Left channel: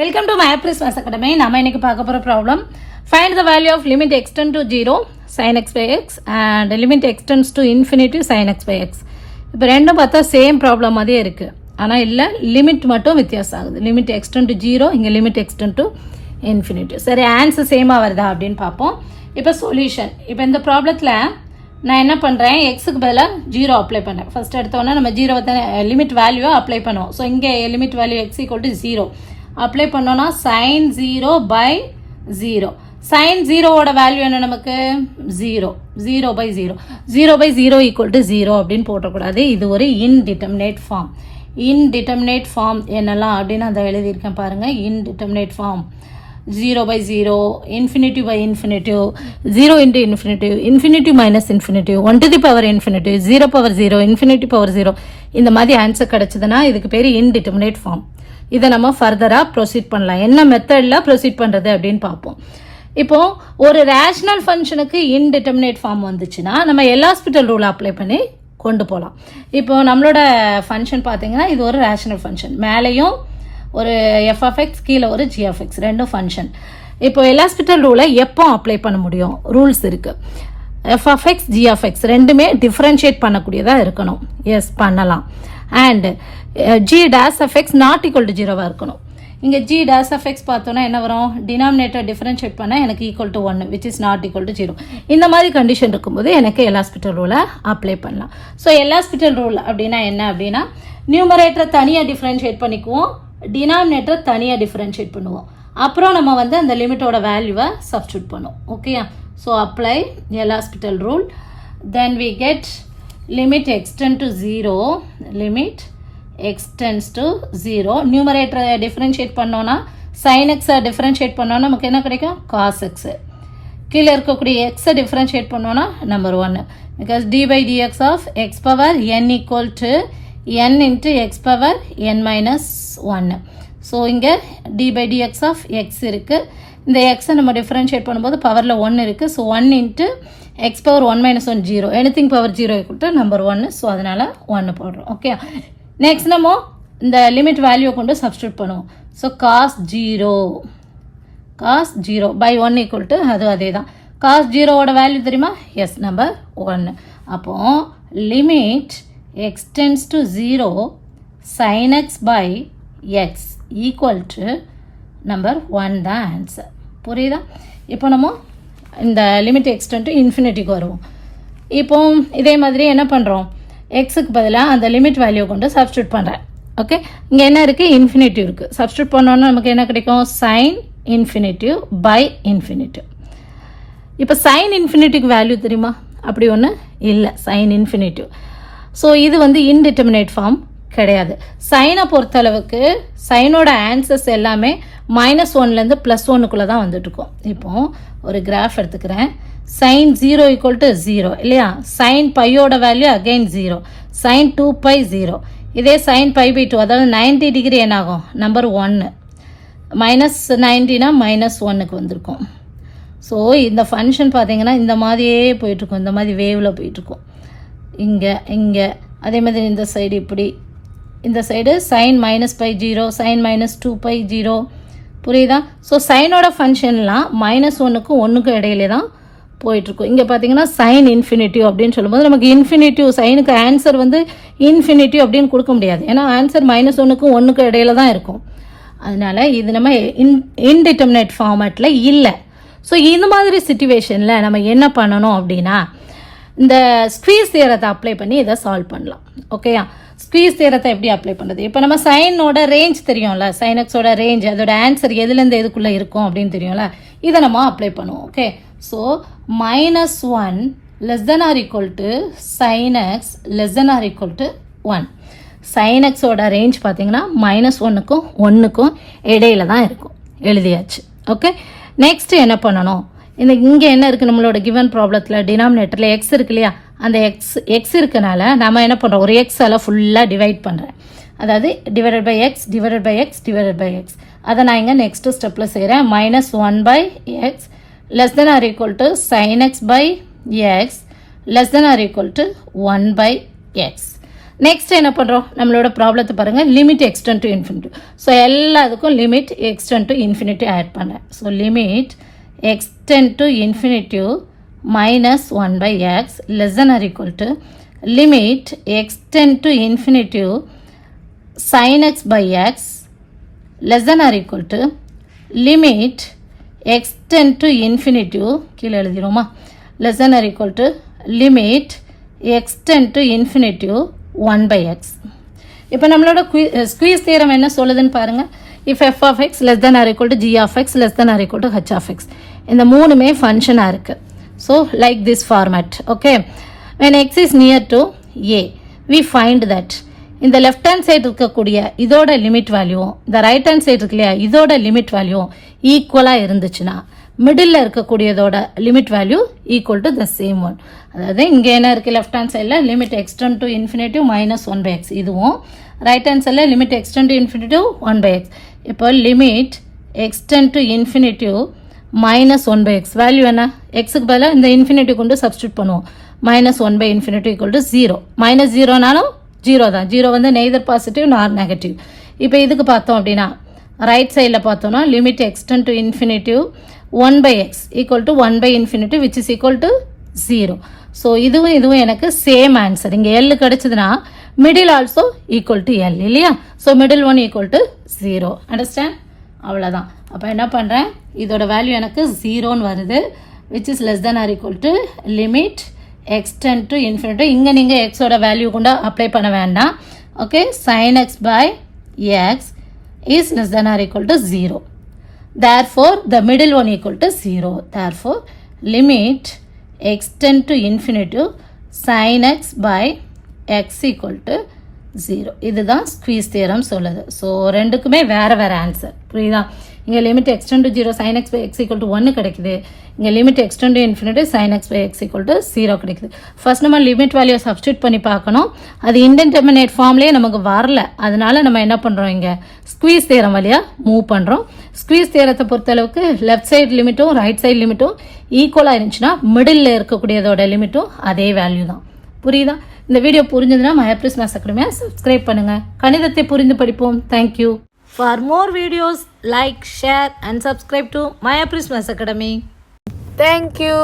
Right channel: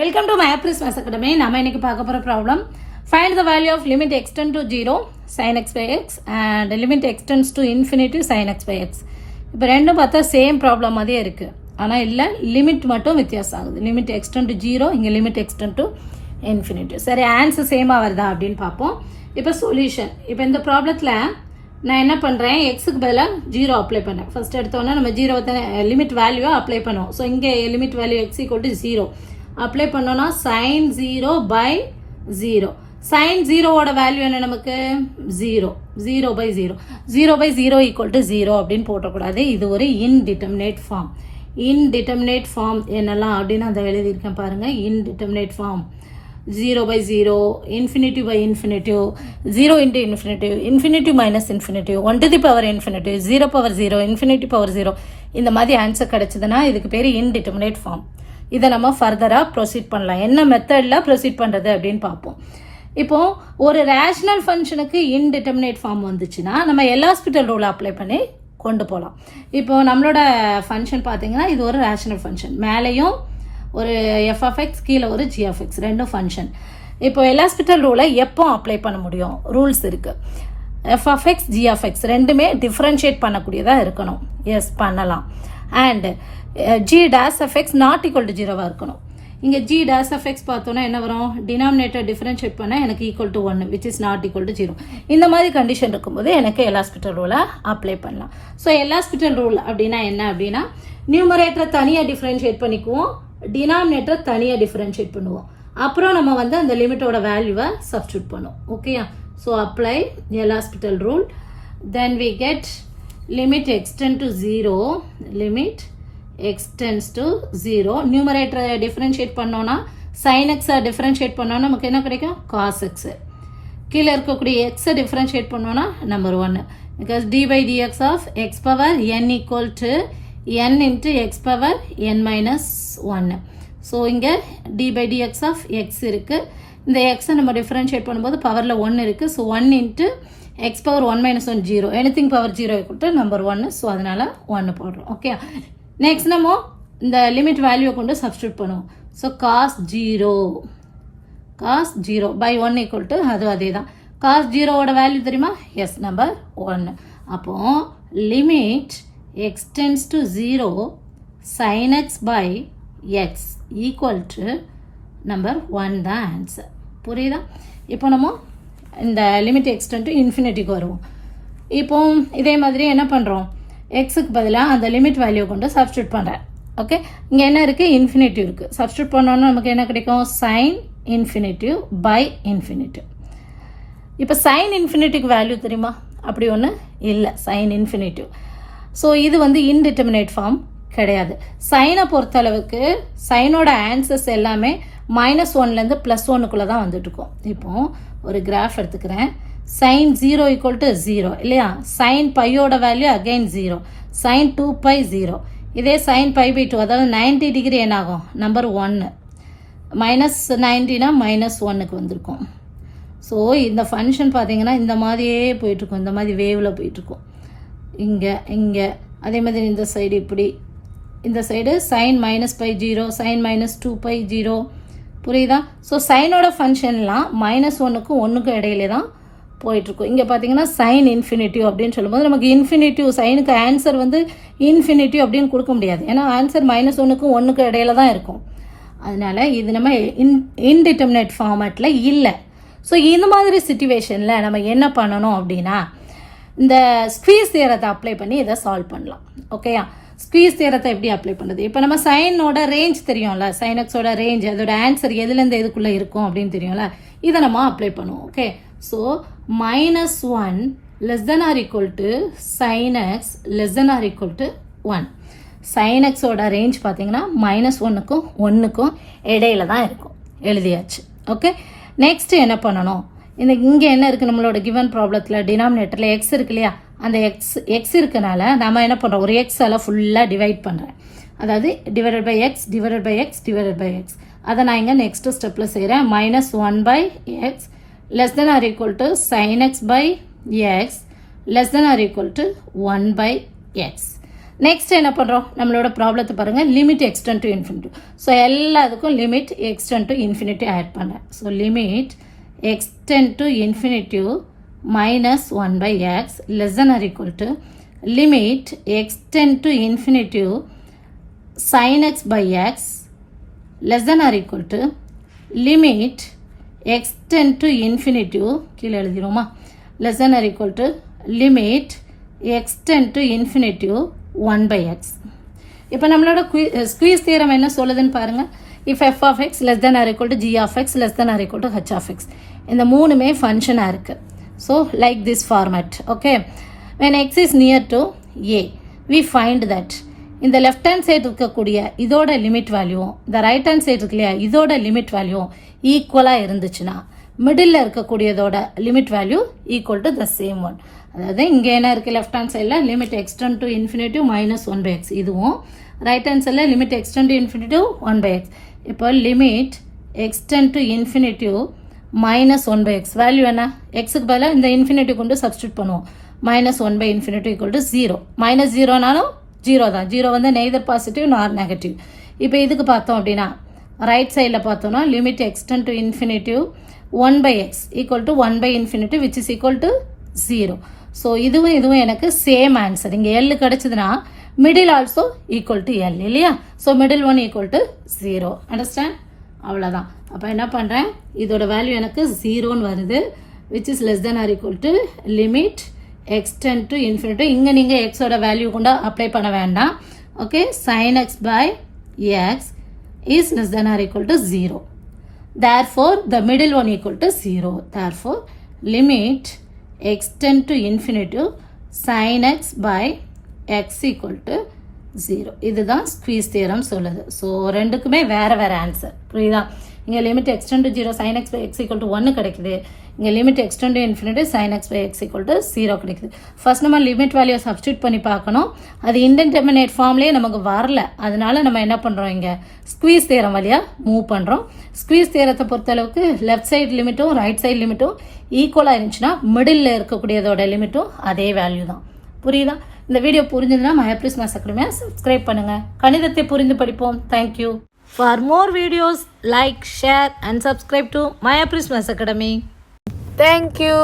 Welcome to MathPress Maths Academy. நாம இன்னைக்கு பார்க்க போற problem find the value of limit extend to 0 sin x by x and limit extends to infinity sin x by x. இப்போ ரெண்டும் பார்த்தா same problem மாதிரியே இருக்கு. ஆனா இல்ல லிமிட் மட்டும் வித்தியாசம் ஆகுது. லிமிட் extend to 0 இங்க லிமிட் extend to infinity. சரி ஆன்சர் சேமா வருதா அப்படினு பாப்போம். இப்போ சொல்யூஷன். இப்போ இந்த ப்ராப்ளத்துல நான் என்ன பண்றேன் x க்கு பதிலா 0 அப்ளை பண்ணேன். ஃபர்ஸ்ட் எடுத்தோம்னா நம்ம 0 லிமிட் வேல்யூவை அப்ளை பண்ணுவோம். சோ இங்க லிமிட் வேல்யூ x = 0 அப்ளை பண்ணோம்னா sin 0 by 0 sin 0 ஓட வேல்யூ என்ன நமக்கு 0 0 by 0 0 by 0 equal to 0 அப்படினு போடக்கூடாது. இது ஒரு indeterminate form. indeterminate form என்னலாம் அப்படினு அத எழுதி இருக்கேன் பாருங்க. indeterminate form 0 by 0 infinity by infinity 0 into infinity infinity minus infinity 1 to the power infinity 0 power 0 infinity power 0 இந்த மாதிரி ஆன்சர் கிடைச்சதுன்னா இதுக்கு பேரு indeterminate form. இதை நம்ம ஃபர்தரா ப்ரொசீட் பண்ணலாம். என்ன மெத்தட்ல ப்ரொசீட் பண்றது அப்படின்னு பார்ப்போம். இப்போ ஒரு ரேஷனல் ஃபங்க்ஷனுக்கு இன்டிட்டர்மினேட் ஃபார்ம் வந்துச்சுன்னா நம்ம எல்ஹாஸ்பிட்டல் ரூல் அப்ளை பண்ணி கொண்டு போகலாம். இப்போ நம்மளோட ஃபங்க்ஷன் பார்த்தீங்கன்னா இது ஒரு ரேஷனல் ஃபங்க்ஷன். மேலேயும் ஒரு எஃப் ஆஃப் எக்ஸ் கீழே ஒரு ஜி ஆஃப் எக்ஸ் ரெண்டும் ஃபங்க்ஷன். இப்போ எல்ஹாஸ்பிட்டல் ரூலை எப்போ அப்ளை பண்ண முடியும்? ரூல்ஸ் இருக்கு. F of x g of x ரெண்டுமே டிஃபரன்ஷியேட் பண்ணக்கூடியதாக இருக்கணும். எஸ் பண்ணலாம். And g dash of x not equal to 0 இருக்கணும். இங்க g dash of x பார்த்தோம்னா என்ன வரும்? டினாமினேட்டர் டிஃபரன்ஷியேட் பண்ணா எனக்கு equal to 1 which is not equal to 0. இந்த மாதிரி கண்டிஷன் இருக்கும்போது எனக்கு எல்ஹாஸ்பிட்டல் ரூலை அப்ளை பண்ணலாம். ஸோ எல்ஹாஸ்பிட்டல் ரூல் அப்படின்னா என்ன அப்படின்னா நியூமரேட்டரை தனியாக டிஃபரன்ஷியேட் பண்ணிக்குவோம், டினாமினேட்டர் தனியாக டிஃபரன்ஷியேட் பண்ணுவோம். அப்புறம் நம்ம வந்து அந்த லிமிட்டோட வேல்யூவை சப்ஸ்டியூட் பண்ணுவோம். ஓகேயா? So apply L'Hospital rule. Then we get limit extend to 0 limit extends to 0 numerator differentiate பண்ணோம்னா sin x differentiate பண்ணோம்னா நமக்கு என்ன கிடைக்கும்? cos x. கீழே இருக்கக்கூடிய x differentiate பண்ணோம்னா number 1 because d by dx of x power n equal to n into x power n minus 1. so இங்க d by dx of x இருக்கு. இந்த x நம்ம differentiate பண்ணும்போது பவர்ல 1 இருக்கு. so 1 into x power 1 minus 1 0 anything power 0 equal to number 1. so அதனால 1 போடுறோம். Okay, next நம்ம இந்த லிமிட் வேல்யூ கொண்டு சப்ஸ்டிட்யூட் பண்ணுவோம். so cos 0 by 1 equal to அதே தான். cos 0 ஓட வேல்யூ தெரியுமா? Yes number 1. அப்போ limit extends to 0 sin x by x equal to number 1 தான் ஆன்சர். புரியுதா? இப்போ நம்ம இந்த லிமிட் எக்ஸ்டெண்ட் டு இன்ஃபினிட்டிக்கு வருவோம். இப்போ இதே மாதிரி என்ன பண்ணுறோம்? எக்ஸுக்கு பதிலாக அந்த லிமிட் வேல்யூ கொண்டு சப்ஸ்டியூட் பண்ணுறேன். ஓகே, இங்கே என்ன இருக்குது? இன்ஃபினிட்டிவ் இருக்குது. சப்ஸ்டியூட் பண்ணோன்னா நமக்கு என்ன கிடைக்கும்? Sine infinitive by infinitive. இப்போ சைன் இன்ஃபினிட்டிக்கு வேல்யூ தெரியுமா? அப்படி ஒன்று இல்லை, சைன் இன்ஃபினிட்டிவ். ஸோ இது வந்து இன்டிட்டர்மினேட் ஃபார்ம் கிடையாது. சைனை பொறுத்தளவுக்கு சைனோட ஆன்சர்ஸ் எல்லாமே -1லேருந்து +1க்குள்ளே தான் வந்துட்டு இருக்கோம். இப்போ ஒரு கிராஃப் எடுத்துக்கிறேன். sin 0 equal to 0 இல்லையா? sin பையோட வேல்யூ அகைன் 0, sin 2π 0. இதே sin π/2 அதாவது 90 டிகிரி என்ன ஆகும்? நம்பர் 1 -90னா -1க்கு வந்திருக்கும். ஸோ இந்த ஃபங்க்ஷன் பார்த்தீங்கன்னா இந்த மாதிரியே போயிட்டுருக்கும், இந்த மாதிரி வேவில் போயிட்டுருக்கும். இங்கே அதே மாதிரி இந்த சைடு இப்படி, இந்த சைடு sin -π0 sin -2π 0. புரியுதா? ஸோ சைனோட ஃபங்க்ஷன்லாம் -1க்கும் 1க்கும் இடையிலே தான் போயிட்டுருக்கும். இங்கே பார்த்தீங்கன்னா சைன் இன்ஃபினிட்டிவ் அப்படின்னு சொல்லும்போது நமக்கு இன்ஃபினிட்டிவ் சைனுக்கு ஆன்சர் வந்து இன்ஃபினிட்டிவ் அப்படின்னு கொடுக்க முடியாது. ஏன்னா ஆன்சர் -1க்கும் 1க்கும் இடையில தான் இருக்கும். அதனால இது நம்ம இன்டிட்டர்மினேட் ஃபார்மேட்டில் இல்லை. ஸோ இந்த மாதிரி சிச்சுவேஷனில் நம்ம என்ன பண்ணணும் அப்படின்னா இந்த ஸ்குவீஸ் தியரத்தை அப்ளை பண்ணி இதை சால்வ் பண்ணலாம். ஓகேயா? ஸ்குவீஸ் தியரத்தை எப்படி அப்ளை பண்ணுறது? இப்போ நம்ம சைனோட ரேஞ்ச் தெரியும்ல, சைன் எக்ஸோட ரேஞ்ச், அதோட ஆன்சர் எதுலேருந்து எதுக்குள்ளே இருக்கும் அப்படின்னு தெரியும்ல, இதை நம்ம அப்ளை பண்ணுவோம். Okay, so -1 less than or equal to sin x less than or equal to 1. Sign எக்ஸோட ரேஞ்ச் பார்த்தீங்கன்னா -1க்கும் 1க்கும் இடையில தான் இருக்கும். எழுதியாச்சு. ஓகே, நெக்ஸ்ட் என்ன பண்ணணும்? இங்கே என்ன இருக்குது? நம்மளோட கிவன் ப்ராப்ளத்தில் டினாமினேட்டரில் எக்ஸ் இருக்கு இல்லையா? அந்த எக்ஸ் இருக்கனால நம்ம என்ன பண்ணுறோம்? ஒரு எக்ஸால் ஃபுல்லாக டிவைட் பண்ணுறேன். அதாவது divided by x divided by x divided by x. அதை நான் இங்கே நெக்ஸ்ட் ஸ்டெப்பில் செய்கிறேன். -1/x less than or equal to sin x by x less than or equal to 1/x. Next என்ன பண்ணுறோம், நம்மளோட ப்ராப்ளத்தை பாருங்கள், limit extend to infinity. So எல்லாத்துக்கும் limit extend to infinity add பண்ணேன். So limit extend to infinity minus 1 by x less than or equal to limit extend to infinity sin x by x less than or equal to limit extend to infinity கீழே எழுதிருமா less than or equal to limit extend to infinity 1 by x. இப்போ நம்மளோட squeeze theorem என்ன சொல்லுதுன்னு பாருங்க. if f of x less than or equal to g of x less than or equal to h of x, இந்த மூணுமே ஃபங்க்ஷனாக இருக்குது. So like this format, okay. When x is near to a, we find that in the left hand side இருக்கக்கூடிய இதோட limit value, இந்த right hand side இருக்கு இல்லையா, இதோட லிமிட் வேல்யூ ஈக்குவலாக இருந்துச்சுன்னா மிடில் இருக்கக்கூடியதோட limit value equal to the same one. அதாவது இங்கே என்ன இருக்குது, லெஃப்ட் ஹேண்ட் சைடில் limit extend to infinity minus 1 by x, இதுவும் ரைட் ஹேண்ட் சைடில் limit extend to infinity 1 by x. இப்போ limit extend to infinity minus 1 by x value என்ன, எக்ஸுக்கு பதிலாக இந்த இன்ஃபினிட்டி கொண்டு சப்ஸ்டியூட் பண்ணுவோம். Minus 1 by infinity equal to 0. Minus 0நாலும் 0 தான், 0 வந்து நெய்தர் பாசிட்டிவ் நார் நெகட்டிவ். இப்போ இதுக்கு பார்த்தோம் அப்படின்னா ரைட் சைடில் பார்த்தோம்னா limit extend to infinity 1 by x equal to 1 by infinity which is equal to 0. So இதுவும் எனக்கு சேம் ஆன்சர். இங்கே எல் கிடச்சிதுன்னா middle also equal to L இல்லையா. So middle one equal to 0. Understand? அவ்வளோதான். அப்போ என்ன பண்ணுறேன், இதோட வேல்யூ எனக்கு 0ன்னு வருது, which is less than or equal to limit extend to infinity. இங்கே நீங்கள் எக்ஸோட வேல்யூ கூட அப்ளை பண்ண வேண்டாம். Okay, sine x by x is less than or equal to 0. Therefore the middle one equal to 0. Therefore limit extend to infinity sine x by x equal to 0. இதுதான் squeeze theorem சொல்லுது. So ரெண்டுக்குமே வேறு வேறு answer, புரியுதா. இங்கே limit extend to 0 sin x by x equal to 1 கிடைக்குது. இங்கே limit extend to infinity sin x by x equal to 0 கிடைக்குது. ஃபர்ஸ்ட் நம்ம லிமிட் வேல்யூ சப்ஸ்டியூட் பண்ணி பார்க்கணும். அது இன்டெர்மினேட் ஃபார்ம்லேயே நமக்கு வரல, அதனால நம்ம என்ன பண்ணுறோம், இங்கே ஸ்குவீஸ் தியரம் வழியாக மூவ் பண்ணுறோம். ஸ்குவீஸ் தியரத்தை பொறுத்தளவுக்கு லெஃப்ட் சைடு லிமிட்டும் ரைட் சைடு லிமிட்டும் ஈக்குவலாக இருந்துச்சுன்னா மிடில் இருக்கக்கூடியதோட லிமிட்டும் அதே வேல்யூ தான். புரியுதா? இந்த வீடியோ புரிஞ்சதுன்னா மயாப்ரிஸ் மேத்ஸ் அகாடமியை சப்ஸ்கிரைப் பண்ணுங்கள். கணிதத்தை புரிந்து படிப்போம். Thank you. For more videos, like, share and subscribe to Maya Prismas Academy. Thank you.